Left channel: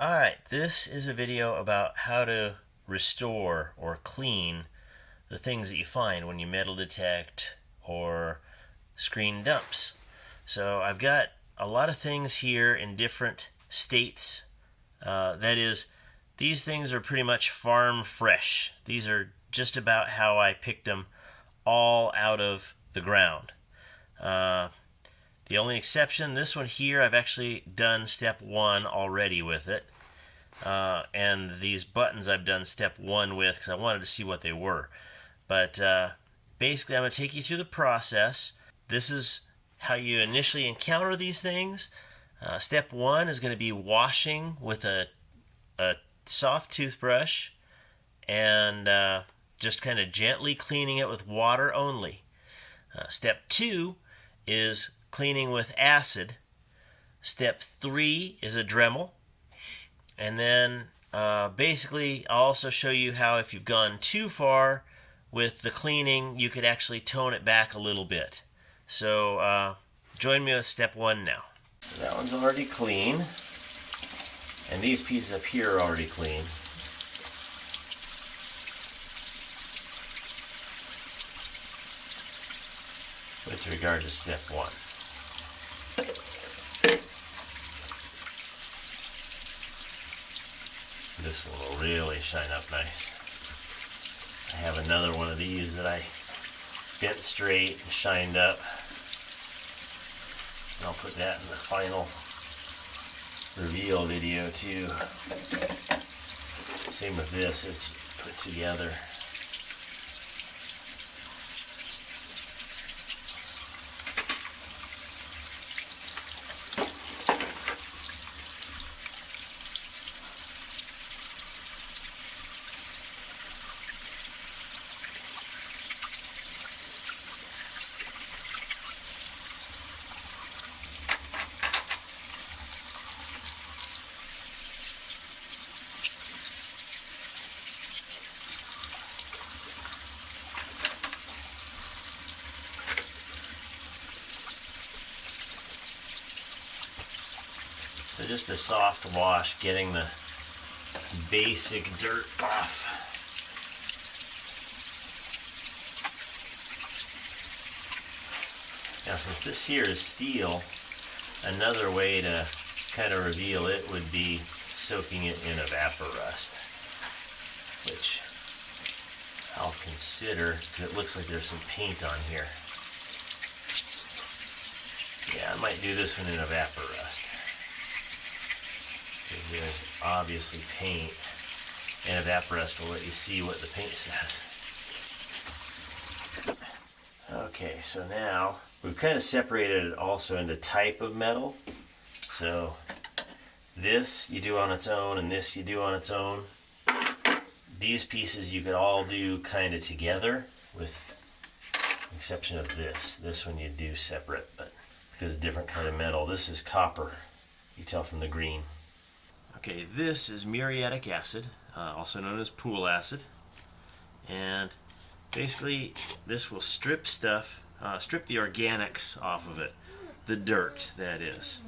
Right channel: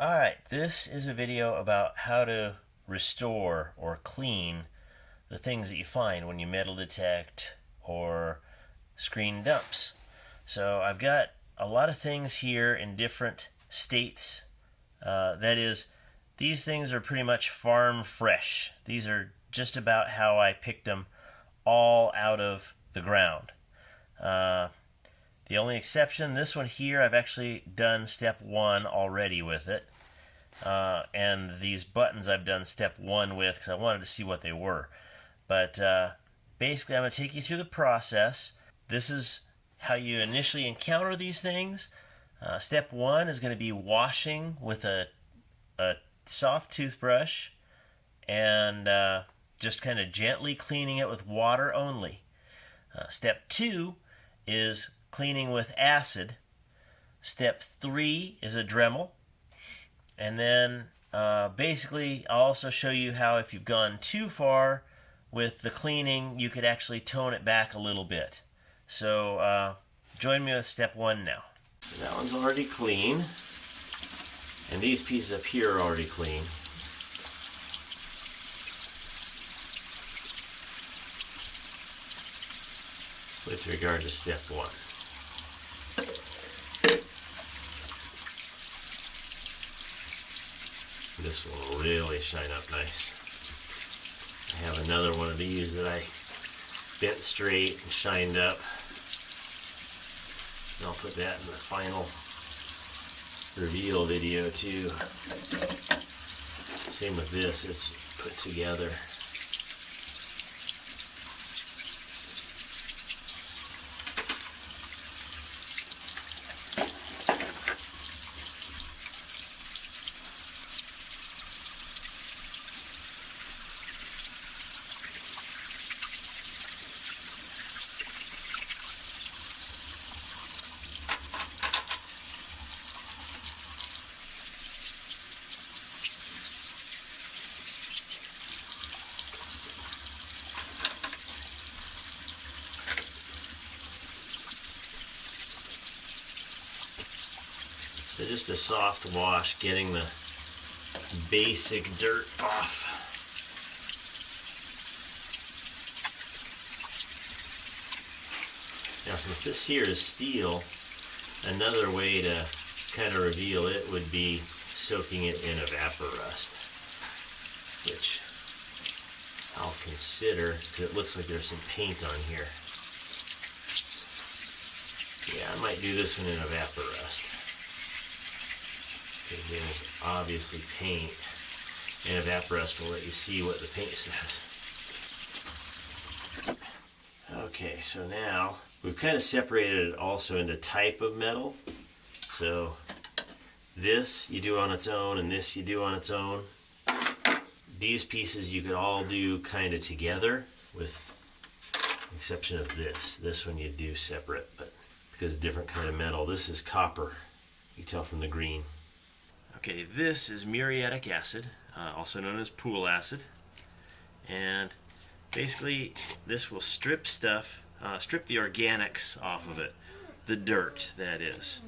Alright, this is a video about how to restore or clean the things that you find when you metal detect or screen dumps. So I've got a lot of things here in different states. That is, these things are pretty much farm fresh. These are just about how I picked them all out of the ground. The only exception, this one here, I've actually done step 1 already with it. And these buttons I've done step 1 with because I wanted to see what they were. But basically I'm going to take you through the process. This is how you initially encounter these things. Step 1 is going to be washing with a soft toothbrush and just kind of gently cleaning it with water only. Step 2 is cleaning with acid. Step 3 is a Dremel. And then basically I'll also show you how if you've gone too far with the cleaning, you could actually tone it back a little bit. So join me with step 1 now. That one's already clean. And these pieces up here are already clean. With regard to step 1. This one will really shine up nice. I have another one of these that I bent straight and shined up. And I'll put that in the final reveal video too. Same with this, it's put together. So just a soft wash, getting the basic dirt off. Now since this here is steel, another way to kind of reveal it would be soaking it in Evaporust, which I'll consider because it looks like there's some paint on here. Yeah, I might do this one in Evaporust. There's obviously paint, and Evaporust will let you see what the paint says. Okay, so now we've kind of separated it also into type of metal. So this you do on its own, and this you do on its own. These pieces you could all do kind of together, with the exception of this. This one you do separate, but because it's a different kind of metal. This is copper. You can tell from the green. Okay, this is muriatic acid, also known as pool acid, and basically this will strip stuff, strip the organics off of it, the dirt that is.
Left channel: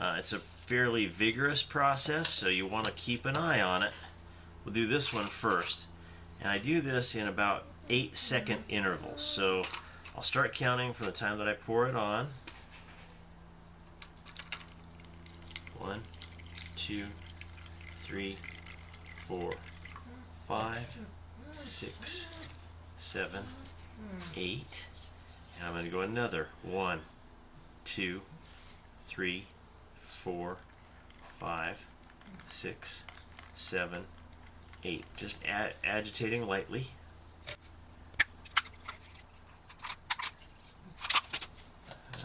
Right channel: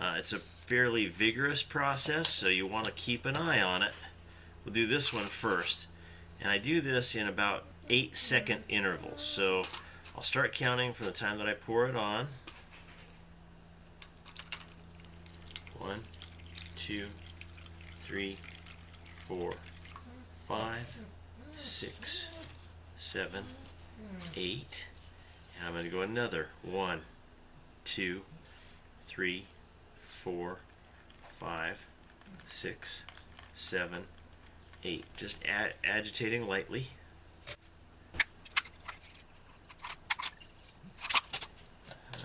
It's a fairly vigorous process, so you want to keep an eye on it. We'll do this one first, and I do this in about 8-second intervals, so I'll start counting from the time that I pour it on. 1, 2, 3, 4, 5, 6, 7, 8. And I'm going to go another 1, 2, 3, 4, 5, 6, 7, 8. Just agitating lightly.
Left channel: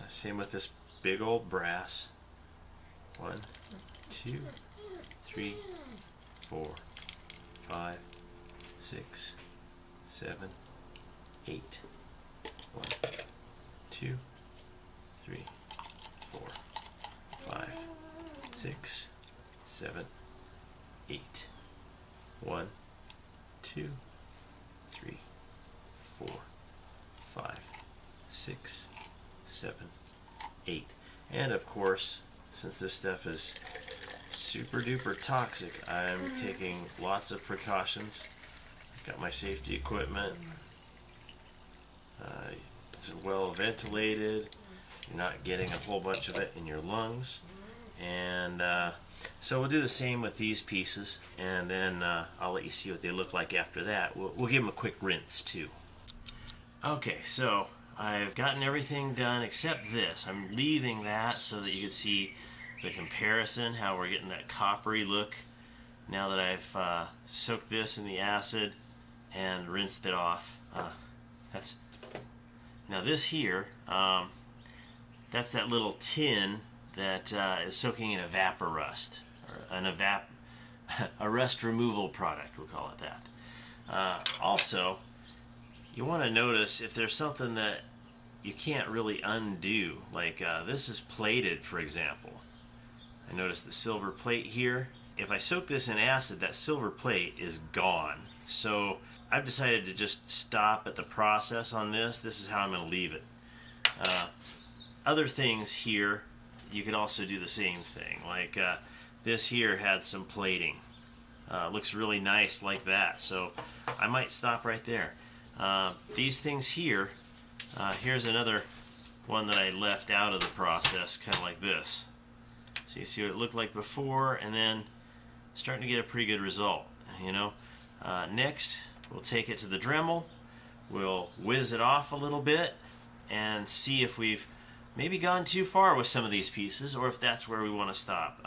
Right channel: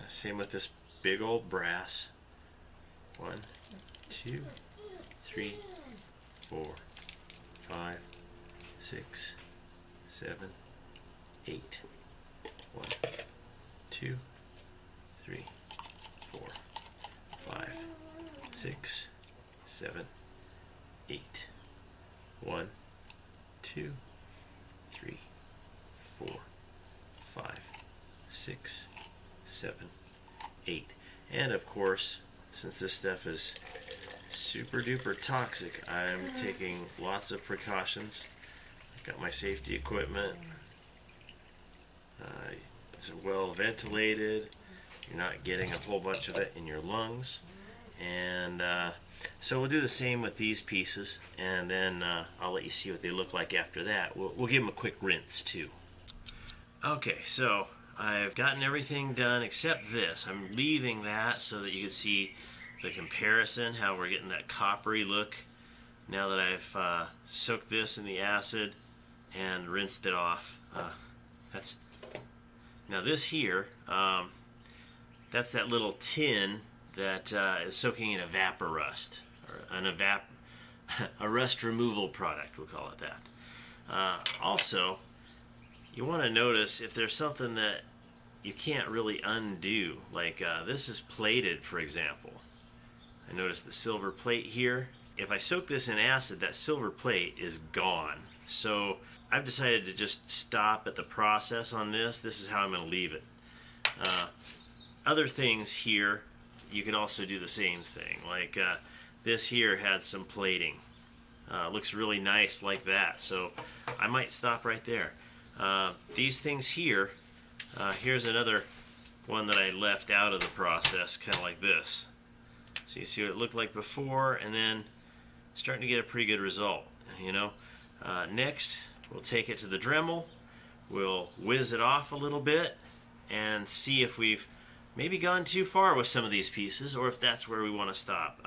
Same with this big old brass. 1, 2, 3, 4, 5, 6, 7, 8. 1, 2, 3, 4, 5, 6, 7, 8. 1, 2, 3, 4, 5, 6, 7, 8. And of course, since this stuff is super duper toxic. I'm taking lots of precautions. Got my safety equipment. It's well ventilated. You're not getting a whole bunch of it in your lungs. And so we'll do the same with these pieces, and then I'll let you see what they look like after that. We'll give them a quick rinse too. Okay, so I've gotten everything done except this. I'm leaving that so that you can see the comparison, how we're getting that coppery look now that I've soaked this in the acid and rinsed it off. Now this here, that's that little tin that is soaking in evaporust, or a rust removal product, we'll call it that. Also, you want to notice if there's something that you can't really undo, like this is plated, for example. I notice the silver plate here. If I soak this in acid, that silver plate is gone. So I've decided to just stop at the process on this. This is how I'm going to leave it. Other things here, you could also do the same thing. Like this here had some plating. Looks really nice like that. So I might stop right there. These things here, here's another one that I left out of the process, kind of like this. So you see what it looked like before, and then starting to get a pretty good result, you know. Next, we'll take it to the Dremel. We'll whiz it off a little bit and see if we've maybe gone too far with some of these pieces, or if that's where we want to stop.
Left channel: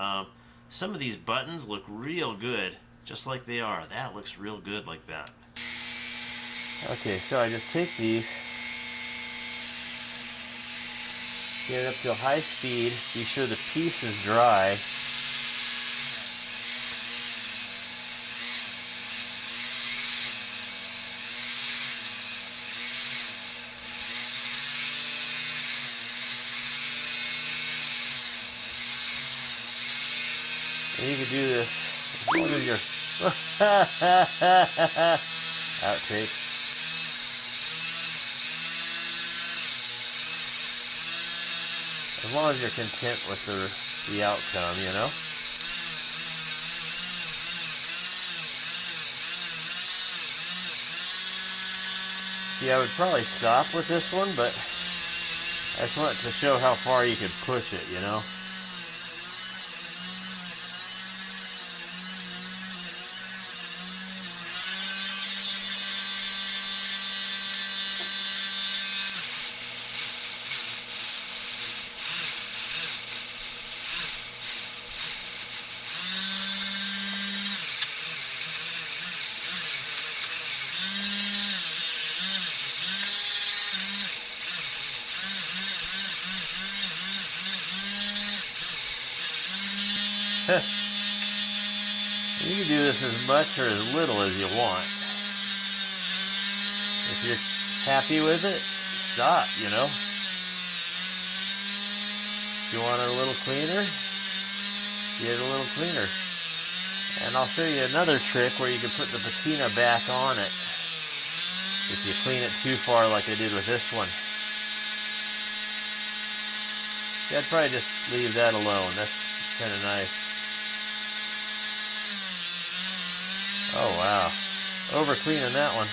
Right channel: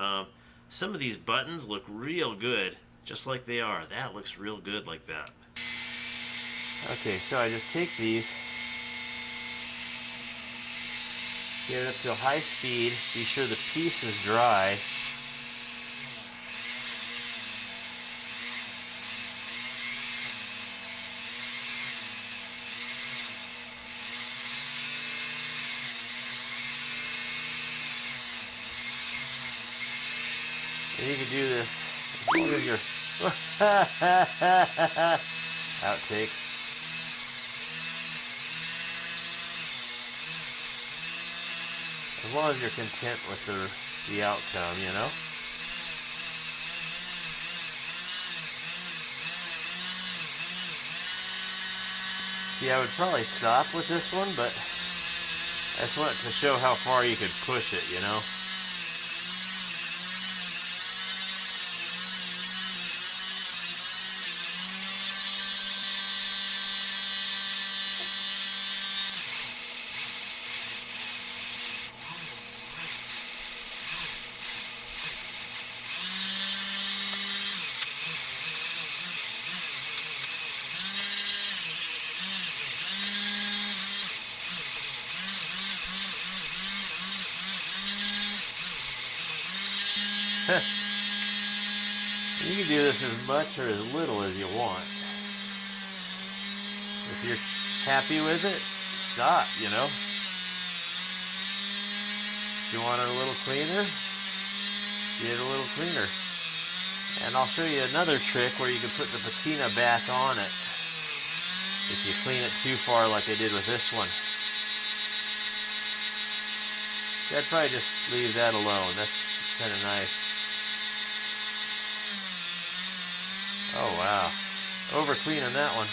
Some of these buttons look real good, just like they are. That looks real good like that. Okay, so I just take these, get it up to a high speed, be sure the piece is dry. And you can do this as long as you're outtake. As long as you're content with the outcome, you know. See, I would probably stop with this one, but I just wanted to show how far you could push it, you know. You can do this as much or as little as you want. If you're happy with it, stop, you know. If you want it a little cleaner, get it a little cleaner. And I'll show you another trick where you can put the patina back on it if you clean it too far like I did with this one. Yeah, I'd probably just leave that alone. That's kind of nice. Oh wow, over cleaning that one.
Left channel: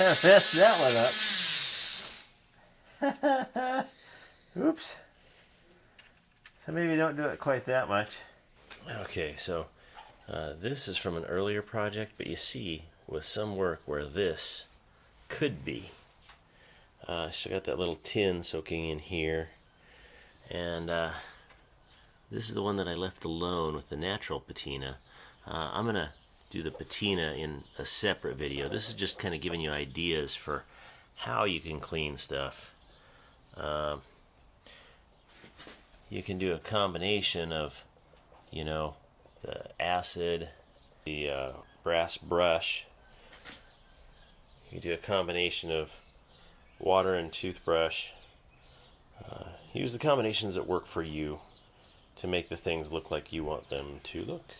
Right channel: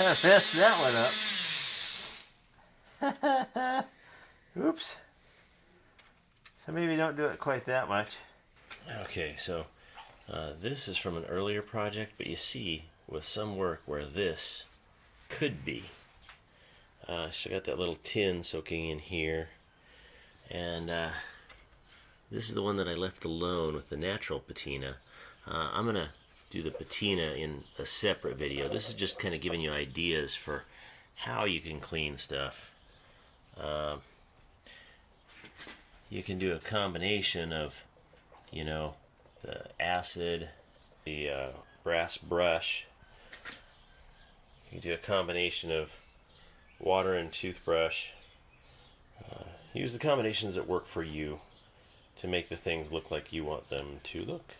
I messed that one up. Oops. So maybe don't do it quite that much. Okay, so this is from an earlier project, but you see with some work where this could be. So I got that little tin soaking in here, and this is the one that I left alone with the natural patina. I'm gonna do the patina in a separate video. This is just kind of giving you ideas for how you can clean stuff. You can do a combination of, you know, the acid, the brass brush. You can do a combination of water and toothbrush. Use the combinations that work for you to make the things look like you want them to look.